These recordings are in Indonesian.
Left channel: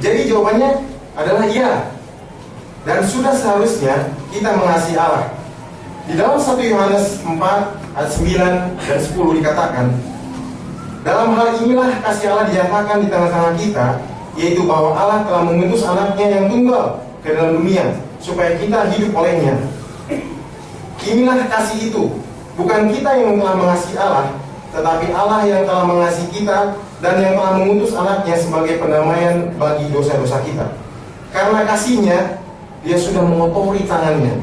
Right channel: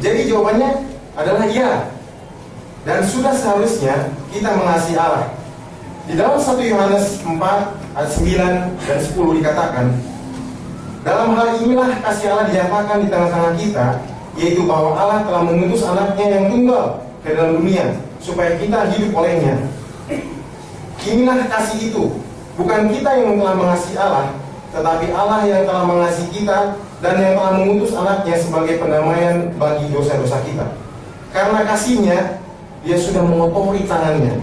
Jadi jawabannya adalah iya. Dan sudah seharusnya kita mengasihi Allah. Di dalam 1 Yohanes 4 ayat 9 dan 10 dikatakan, dalam hal inilah kasih Allah dinyatakan di tengah-tengah kita, yaitu bahwa Allah telah mengutus anaknya yang tunggal ke dalam dunia, supaya kita hidup olehnya. Inilah kasih itu, bukan kita yang telah mengasihi Allah, tetapi Allah yang telah mengasihi kita dan yang telah mengutus anaknya sebagai pendamaian bagi dosa-dosa kita. Karena kasihnya, dia sudah mengotori tangannya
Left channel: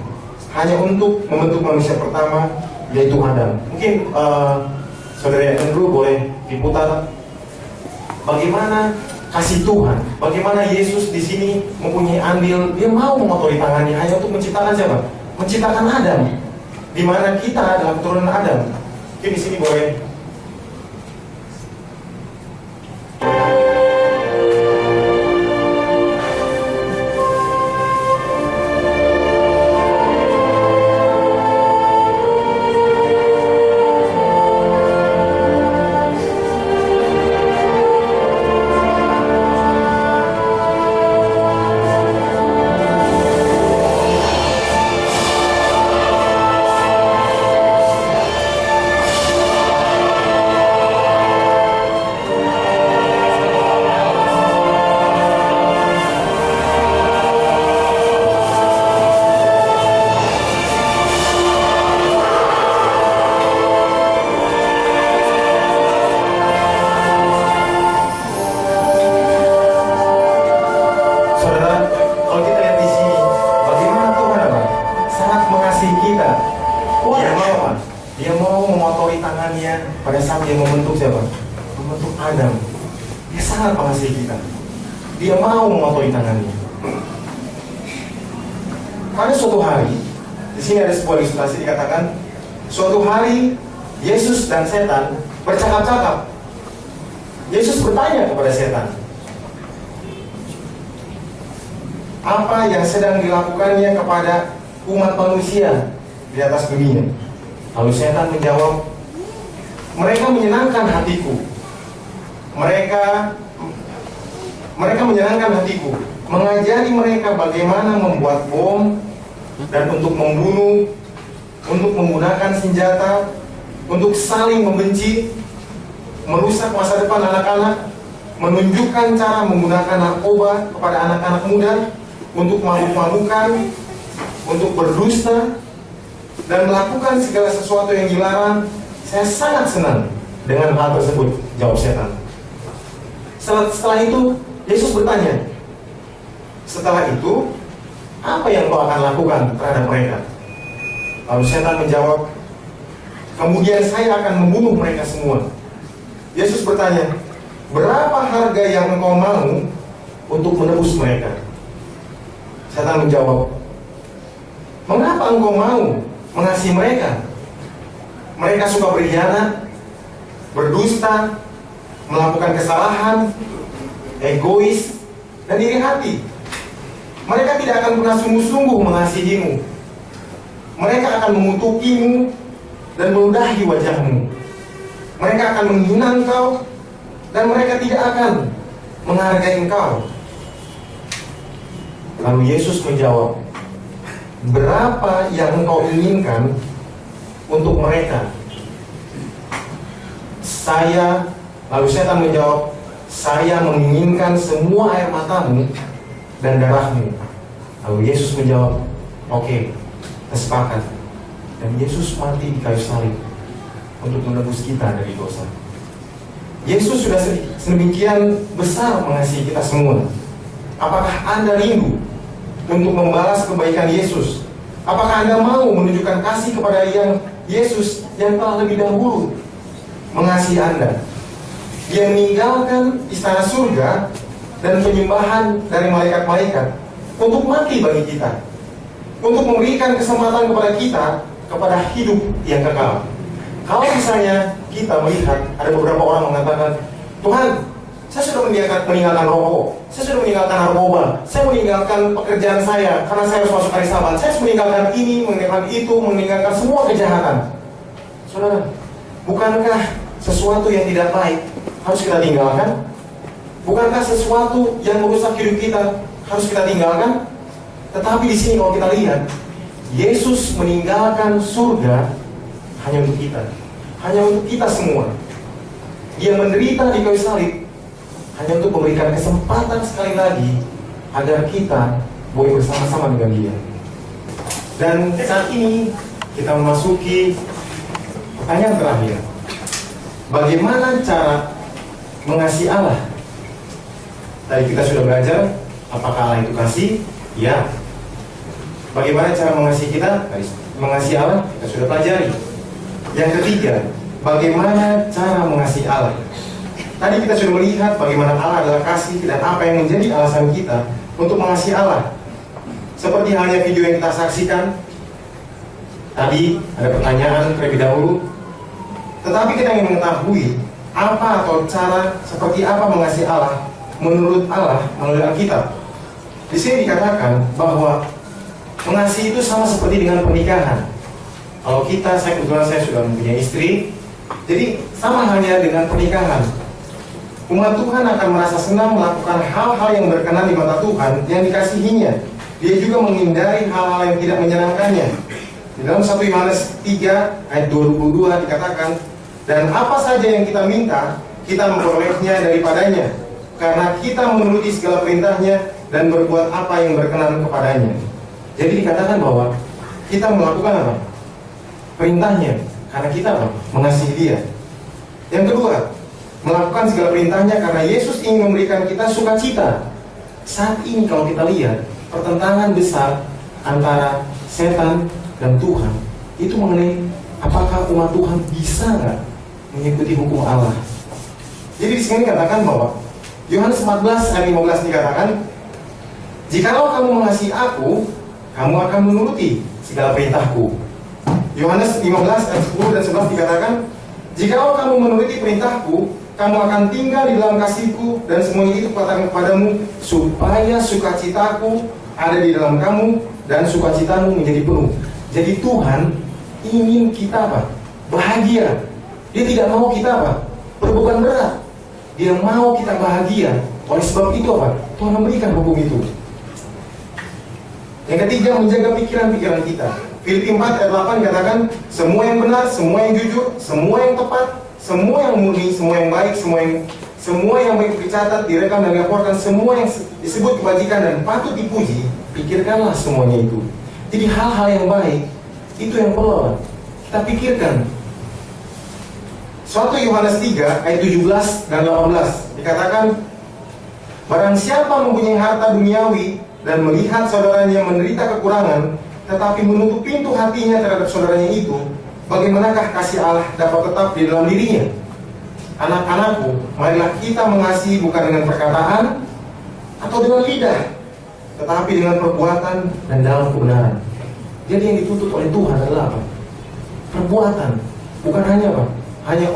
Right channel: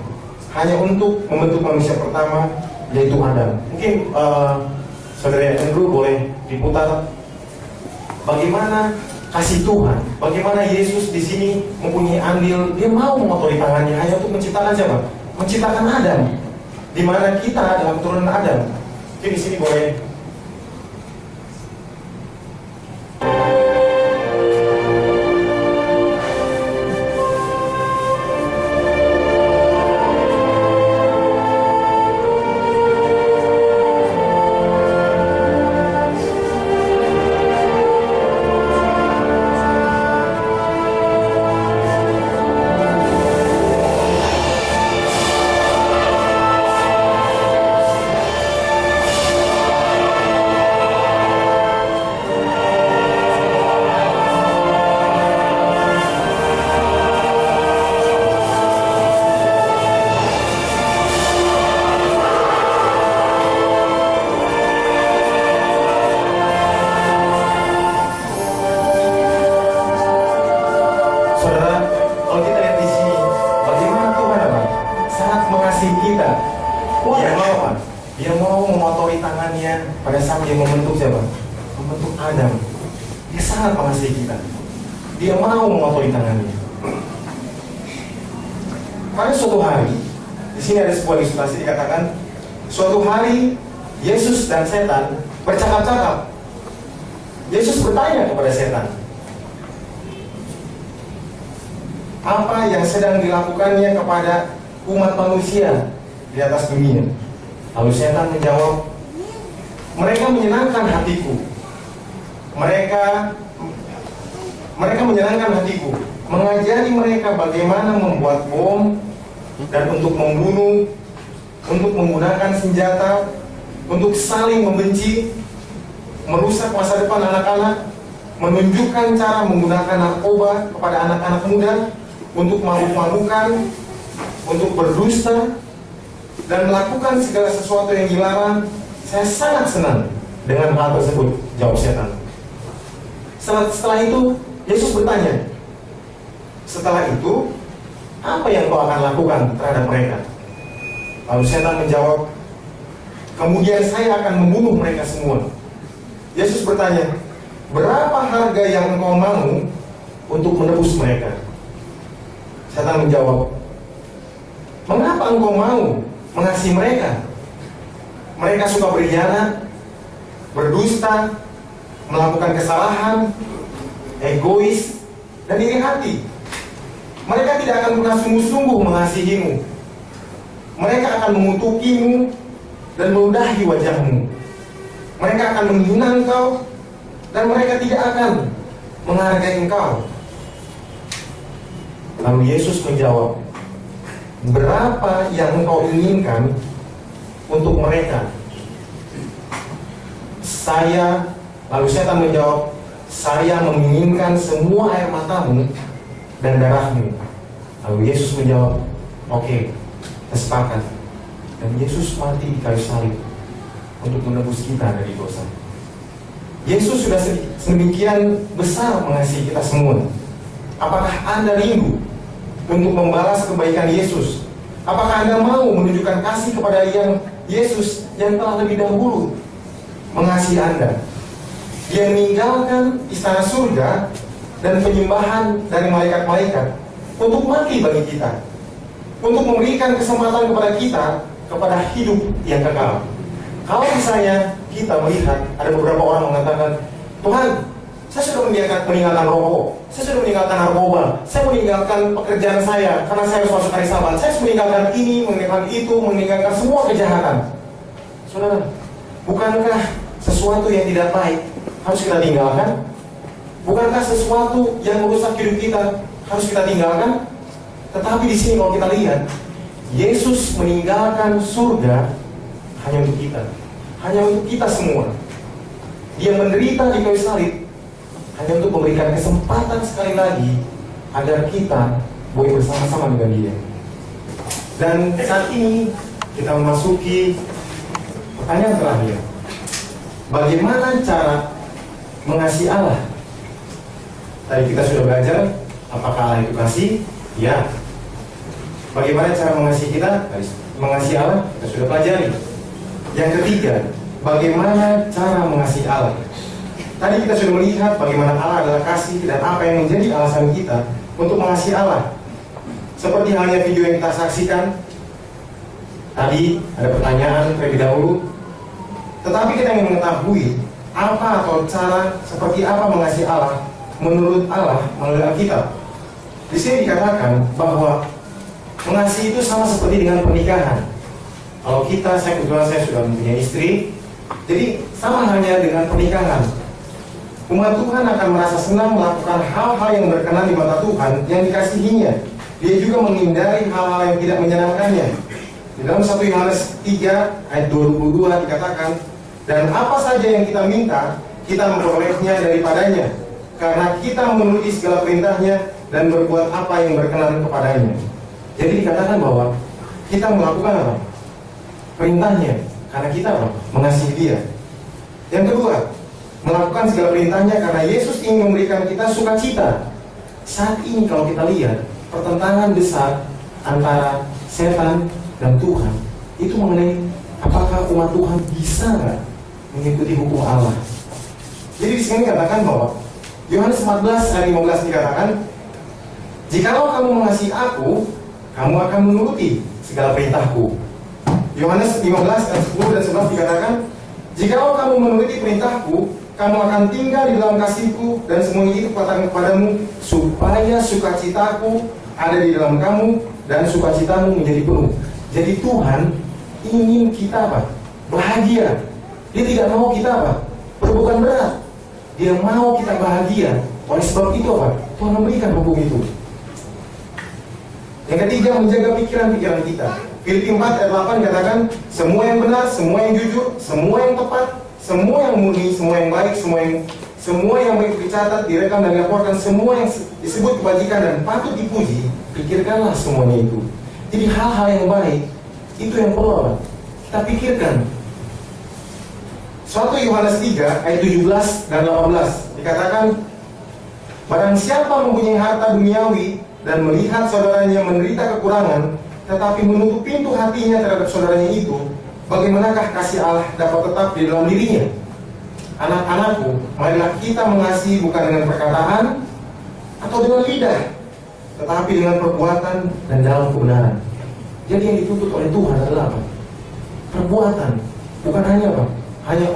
hanya untuk membentuk manusia pertama, yaitu Adam. Mungkin Saudara Andrew boleh diputar bagaimana kasih Tuhan, bagaimana Yesus di sini mempunyai andil. Dia mau mengotori tangannya hanya untuk menciptakan siapa? Menciptakan Adam, di mana kita adalah keturunan Adam. Mungkin di sini boleh. Pada saat dia membentuk siapa? Membentuk Adam. Dia sangat mengasihi kita. Dia mau mengotori tangannya. Pada suatu hari, di sini ada sebuah ilustrasi dikatakan, suatu hari Yesus dan setan bercakap-cakap. Yesus bertanya kepada setan, apa yang sedang dilakukannya kepada umat manusia di atas dunia? Lalu setan menjawab, mereka menyenangkan hatiku. Mereka menyenangkan hatiku, mengajari mereka bagaimana membuat bom dan untuk membunuh, untuk menggunakan senjata, untuk saling membenci, merusak masa depan anak-anak, menunjukkan cara menggunakan narkoba kepada anak-anak muda, untuk mabuk-mabukan, untuk berdusta, dan melakukan segala sesuatu yang dilarang. Saya sangat senang dengan hal tersebut, jawab setan. Setelah itu, Yesus bertanya, setelah itu, apa yang kau akan lakukan terhadap mereka? Lalu setan menjawab, kemudian saya akan membunuh mereka semua. Yesus bertanya, berapa harga yang engkau mau untuk menebus mereka? Setan menjawab, mengapa engkau mau mengasihi mereka? Mereka suka berkhianat, berdusta, melakukan kesalahan, egois, dan iri hati. Mereka tidak akan pernah sungguh-sungguh mengasihimu. Mereka akan mengutukimu dan meludahi wajahmu. Mereka akan menghina engkau, dan mereka tidak akan menghargai engkau. Lalu Yesus menjawab, berapa yang engkau inginkan untuk mereka? Lalu setan menjawab, saya menginginkan semua air matamu dan darahmu. Lalu Yesus menjawab, oke, kita sepakat. Dan Yesus mati di kayu salib untuk menebus kita dari dosa. Yesus sudah sedemikian besar mengasihi kita semua. Apakah Anda rindu untuk membalas kebaikan Yesus? Apakah Anda mau menunjukkan kasih kepada Yesus yang telah lebih dahulu mengasihi Anda? Dia meninggalkan istana surga dan penyembahan dari malaikat-malaikat untuk mati bagi kita, untuk memberikan kesempatan kepada kita kepada hidup yang kekal. Kalau misalnya kita melihat ada beberapa orang mengatakan, Tuhan, saya sudah meninggalkan rokok, saya sudah meninggalkan narkoba, saya meninggalkan pekerjaan saya karena saya harus masuk hari Sabat, saya meninggalkan ini, meninggalkan itu, meninggalkan semua kejahatan. Saudara, bukankah sesuatu yang tidak baik harus kita tinggalkan? Bukankah sesuatu yang merusak hidup kita harus kita tinggalkan? Tetapi di sini kalau kita lihat, Yesus meninggalkan surga hanya untuk kita, hanya untuk kita semua. Dia menderita di kayu salib hanya untuk memberikan kesempatan sekali lagi agar kita boleh bersama-sama dengan Dia. Dan saat ini kita memasuki pertanyaan terakhir. Bagaimana cara mengasihi Allah? Tadi kita sudah belajar, apakah Allah itu kasih? Ya. Bagaimana cara mengasihi kita? Mengasihi Allah, kita sudah pelajari. Yang ketiga, bagaimana cara mengasihi Allah? Tadi kita sudah melihat bagaimana Allah adalah kasih dan apa yang menjadi alasan kita untuk mengasihi Allah. Seperti halnya video yang kita saksikan, tadi ada pertanyaan terlebih dahulu. Tetapi kita ingin mengetahui apa atau cara seperti apa mengasihi Allah menurut Allah melalui Alkitab. Di sini dikatakan bahwa mengasihi itu sama seperti dengan pernikahan. Kalau saya kebetulan sudah mempunyai istri, jadi sama halnya dengan pernikahan. Umat Tuhan akan merasa senang melakukan hal-hal yang berkenan di mata Tuhan yang dikasihinya. Dia juga menghindari hal-hal yang tidak menyenangkannya. Di dalam 1 Yohanes 3 ayat 22 dikatakan, dan apa saja yang kita minta, kita memperolehnya daripadanya, karena kita menuruti segala perintahnya dan berbuat apa yang berkenan kepadanya. Jadi dikatakan bahwa kita melakukan apa? Perintahnya, karena kita apa? Mengasihi Dia. Yang kedua, melakukan segala perintahnya karena Yesus ingin memberikan kita sukacita. Saat ini kalau kita lihat pertentangan besar antara setan dan Tuhan, itu mengenai apakah umat Tuhan bisa nggak mengikuti hukum Allah. Jadi di sini dikatakan bahwa Yohanes 14 ayat 15 dikatakan, jikalau kamu mengasihi aku, kamu akan menuruti segala perintahku. Yohanes 15 ayat 10 dan 11 dikatakan, jikalau kamu menuruti perintahku, kamu akan tinggal di dalam kasihku, dan semuanya itu kukatakan kepadamu, supaya sukacitaku ada di dalam kamu, dan sukacitamu menjadi penuh. Jadi Tuhan ingin kita apa? Bahagia. Dia tidak mau kita apa? Berbeban berat. Dia mau kita bahagia. Oleh sebab itu apa? Tuhan memberikan hukum itu. Yang ketiga, menjaga pikiran-pikiran kita. Filipi 4 ayat 8 katakan, semua yang benar, semua yang jujur, semua yang tepat, semua yang murni, semua yang baik, semua yang baik dicatat, direkam dan dilaporkan, semua yang disebut kebajikan dan patut dipuji, pikirkanlah semuanya itu. Jadi hal-hal yang baik itu yang perlu kita pikirkan. 1 Yohanes 3 ayat 17 dan 18 dikatakan, barang siapa mempunyai harta duniawi dan melihat saudaranya menderita kekurangan, tetapi menutup pintu hatinya terhadap saudaranya itu, bagaimanakah kasih Allah dapat tetap di dalam dirinya? Anak-anakku, marilah kita mengasihi bukan dengan perkataan atau dengan lidah, tetapi dengan perbuatan dan dalam kebenaran. Jadi yang dituntut oleh Tuhan adalah apa? Perbuatan, bukan hanya apa? Hanya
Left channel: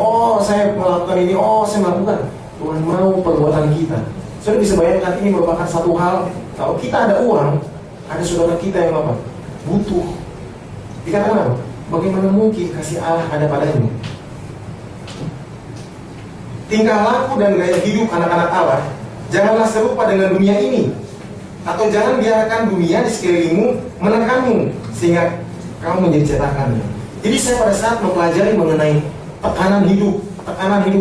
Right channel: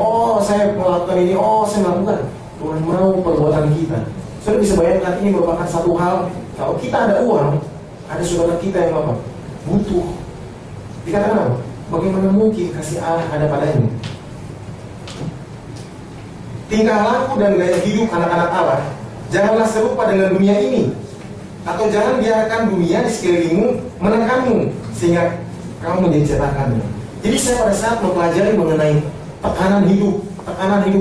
saya melakukan ini, saya melakukan. Tuhan mau perbuatan kita. Sudah bisa bayangkan ini merupakan satu hal. Kalau kita ada uang, ada saudara kita yang apa? Butuh. Dikatakan apa? Bagaimana mungkin kasih Allah ada padanya? Tingkah laku dan gaya hidup anak-anak Allah janganlah serupa dengan dunia ini, atau jangan biarkan dunia di sekelilingmu menekanmu sehingga kamu menjadi cetakannya. Jadi saya pada saat mempelajari mengenai tekanan hidup,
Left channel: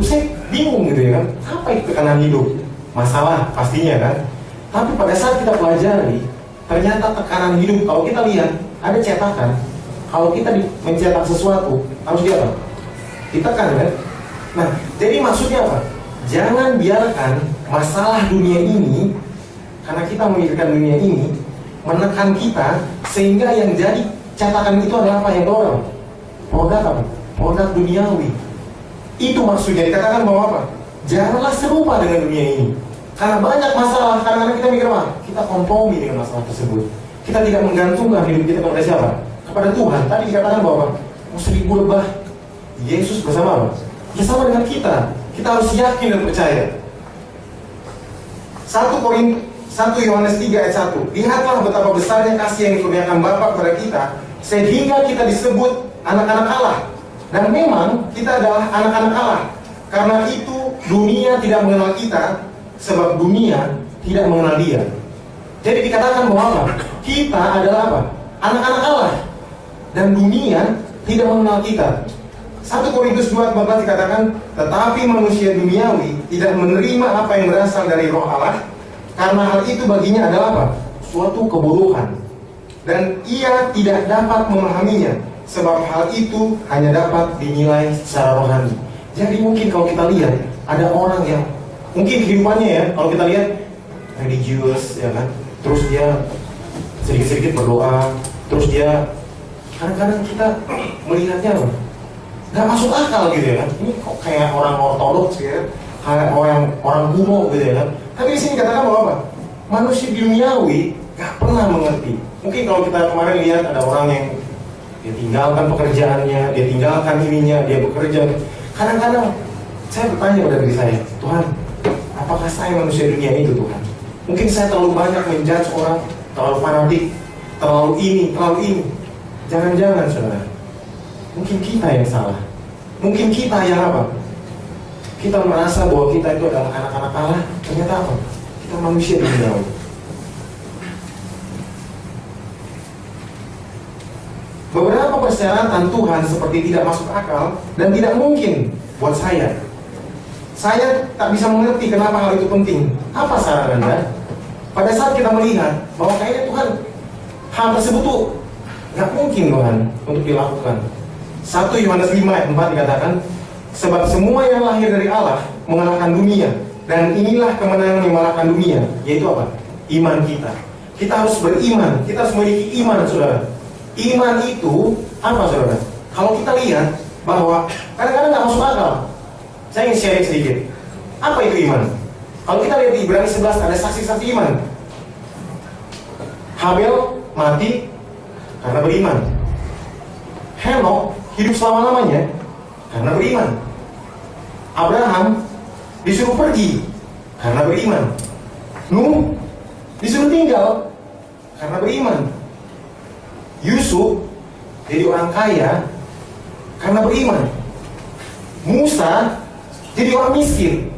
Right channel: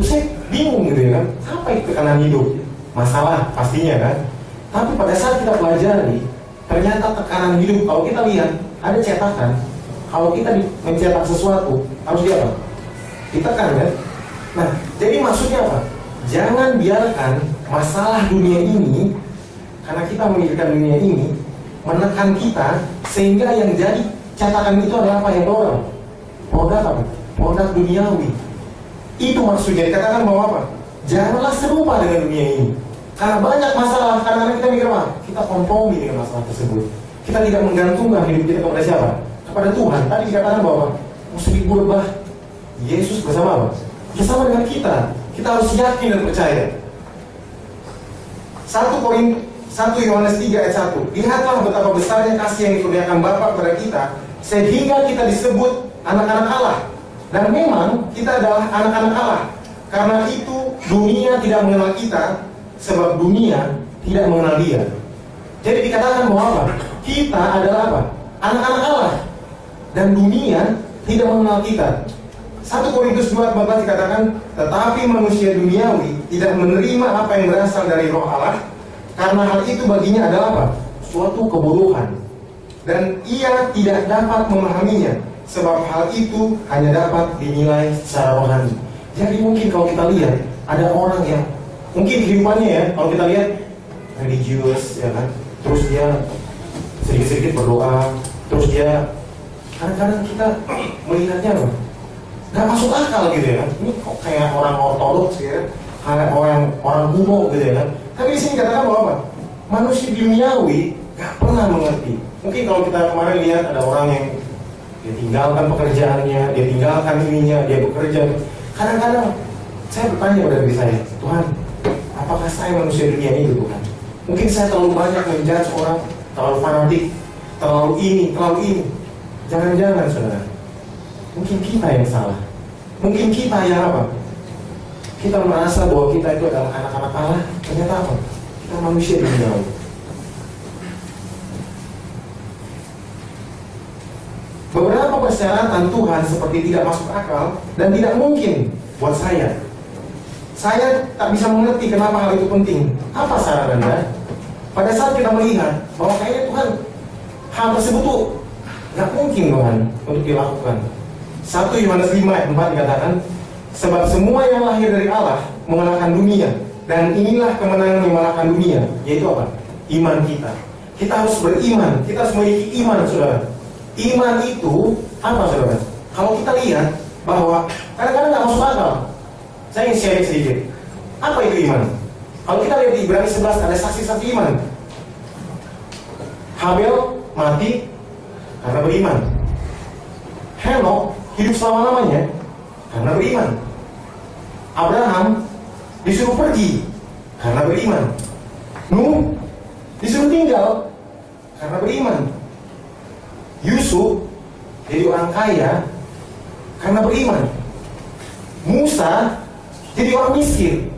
saya bingung gitu ya kan, apa itu tekanan hidup? Masalah pastinya kan. Tapi pada saat kita pelajari, ternyata tekanan hidup, kalau kita lihat ada cetakan. Kalau kita mencetak sesuatu, harus dia apa? Ditekan kan? Nah, jadi maksudnya apa? Jangan biarkan masalah dunia ini, karena kita memikirkan dunia ini, menekan kita, sehingga yang jadi cetakan itu adalah apa yang dorong? Produk apa? Produk duniawi. Itu maksudnya, dikatakan bahwa apa? Janganlah serupa dengan dunia ini. Karena banyak masalah, karena kita mikir apa? Kita kompromi dengan masalah tersebut. Kita tidak menggantungkan hidup kita kepada siapa? Kepada Tuhan. Tadi dikatakan bahwa seribu lebah Yesus bersama apa? Bersama dengan kita. Kita harus yakin dan percaya. 1 Yohanes 3 ayat 1. Lihatlah betapa besarnya kasih yang dikurniakan Bapa kepada kita, sehingga kita disebut anak-anak Allah. Dan memang kita adalah anak-anak Allah. Karena itu dunia tidak mengenal kita, sebab dunia tidak mengenal dia. Jadi dikatakan bahwa apa? Kita adalah apa? Anak-anak Allah. Dan dunia tidak mengenal kita. 1 Korintus 2:14 dikatakan, tetapi manusia duniawi tidak menerima apa yang berasal dari roh Allah, karena hal itu baginya adalah apa? Suatu kebodohan. Dan ia tidak dapat memahaminya, sebab hal itu hanya dapat dinilai secara rohani. Jadi mungkin kalau kita lihat, ada orang yang mungkin kehidupannya ya, kalau kita lihat religius ya kan, terus dia sedikit-sedikit berdoa, terus dia kadang-kadang kita melihatnya loh, nggak masuk akal gitu ya kan. Ini kok kayak orang ortodoks ya kan, kayak orang kuno gitu ya kan. Tapi di sini katakan bahwa apa? Manusia duniawi nggak pernah mengerti. Mungkin kalau kita kemarin lihat ada orang yang dia tinggalkan pekerjaannya, dia tinggalkan ininya, dia bekerja. Kadang-kadang saya bertanya pada diri saya, Tuhan, apakah saya manusia dunia itu Tuhan? Mungkin saya terlalu banyak menjudge orang, terlalu fanatik, terlalu ini. Jangan-jangan saudara, mungkin kita yang salah. Mungkin kita yang apa? Kita merasa bahwa kita itu adalah anak-anak Allah. Ternyata apa? Kita manusia duniawi. Beberapa persyaratan Tuhan seperti tidak masuk akal dan tidak mungkin buat saya. Saya tak bisa mengerti kenapa hal itu penting. Apa saran Anda? Pada saat kita melihat bahwa kayaknya Tuhan, hal tersebut tuh nggak mungkin Tuhan untuk dilakukan. 1 Yohanes 5:4 dikatakan, sebab semua yang lahir dari Allah mengalahkan dunia, dan inilah kemenangan yang mengalahkan dunia, yaitu apa? Iman kita. Kita harus beriman, kita harus memiliki iman, saudara. Iman itu apa, saudara? Kalau kita lihat bahwa kadang-kadang nggak masuk akal. Saya ingin sharing sedikit. Apa itu iman? Kalau kita lihat di Ibrani 11 ada saksi-saksi iman. Habel mati karena beriman. Henok hidup selama-lamanya karena beriman. Abraham disuruh pergi karena beriman. Nuh disuruh tinggal karena beriman. Yusuf jadi orang kaya karena beriman. Musa jadi orang miskin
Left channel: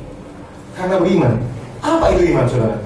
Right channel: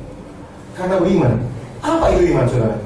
karena beriman. Apa itu iman, saudara?